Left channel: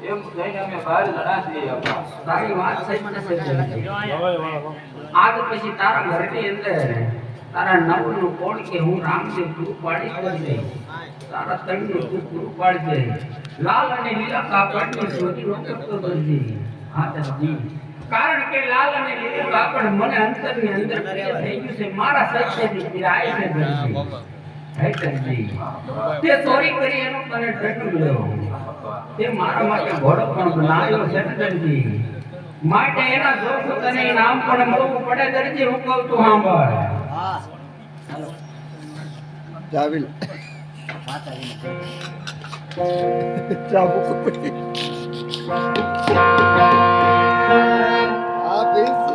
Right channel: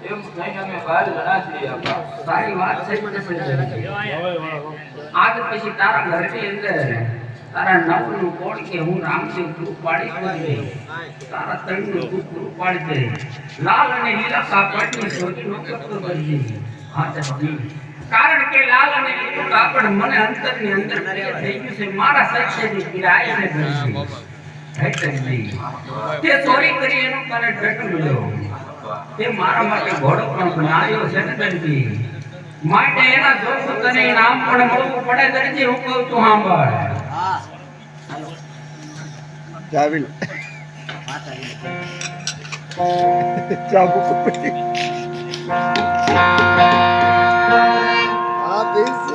એમ લઈને અમે બહાર ઘણા છીએ તારી વાત સહી છે આજ પછી તારા ઘરની અંદર તારા નવનું કોણ કે હું રામદેવ તું પાડી કરી તારા તણનું તું પૂરું પાડી દે લાલ અને લીલા કાપડની શોધી રોકતો કરજે હા તે કારણ કે લાલ અને લીલું કાપડ મને અંતરની અંદર પ્રિય થઈ ગયું છે મારા સત્યની પીડાય છે દર્શી તે ચોરી કરી એનું તને ટટું લ્યો તે મારા માટે ઘોડો પણ બનાવ્યો છે ને દરજી માટે એના જોશું તને નામ પણ મળવું પડે દરજી હું કહું તું સાંભળ જાવી ચાબુ પડી આ બેસ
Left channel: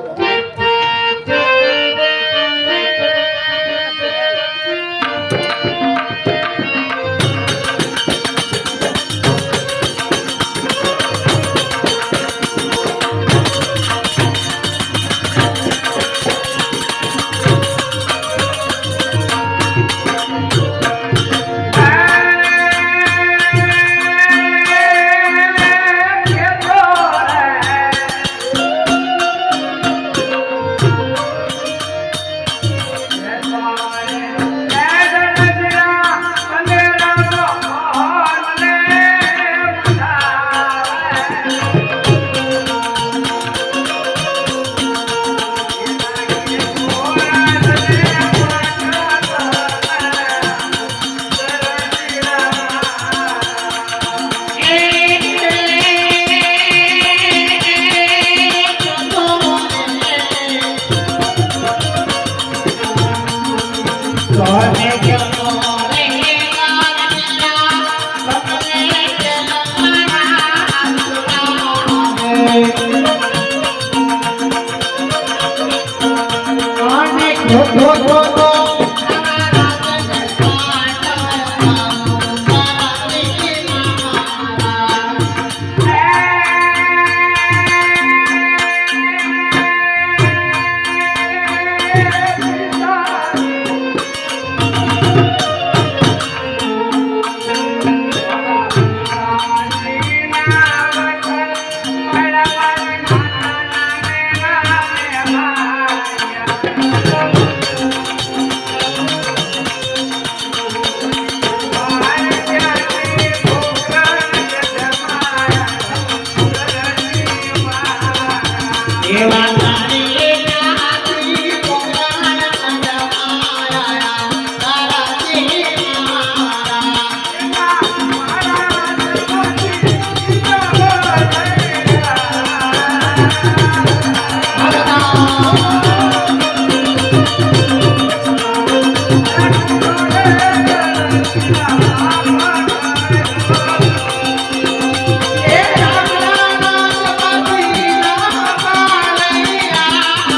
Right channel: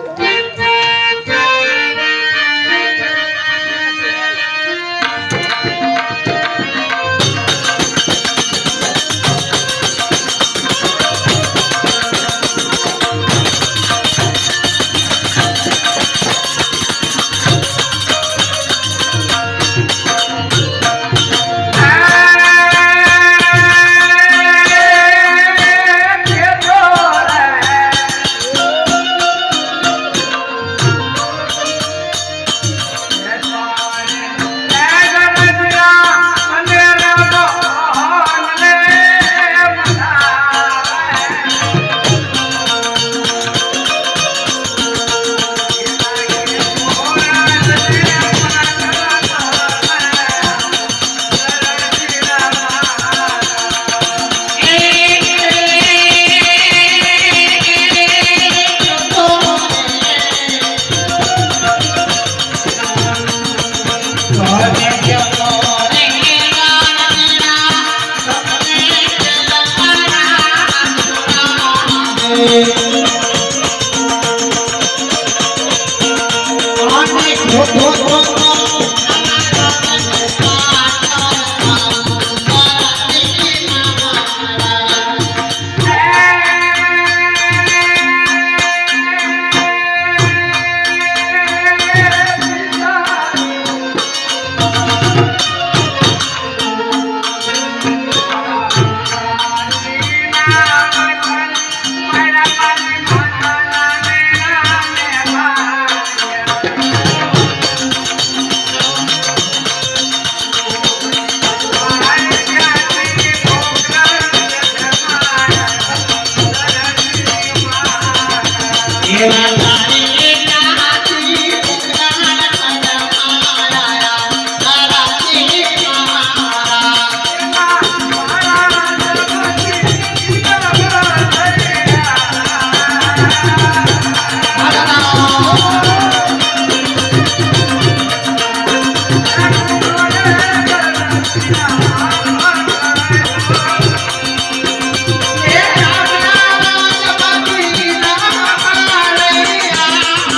ભગવાન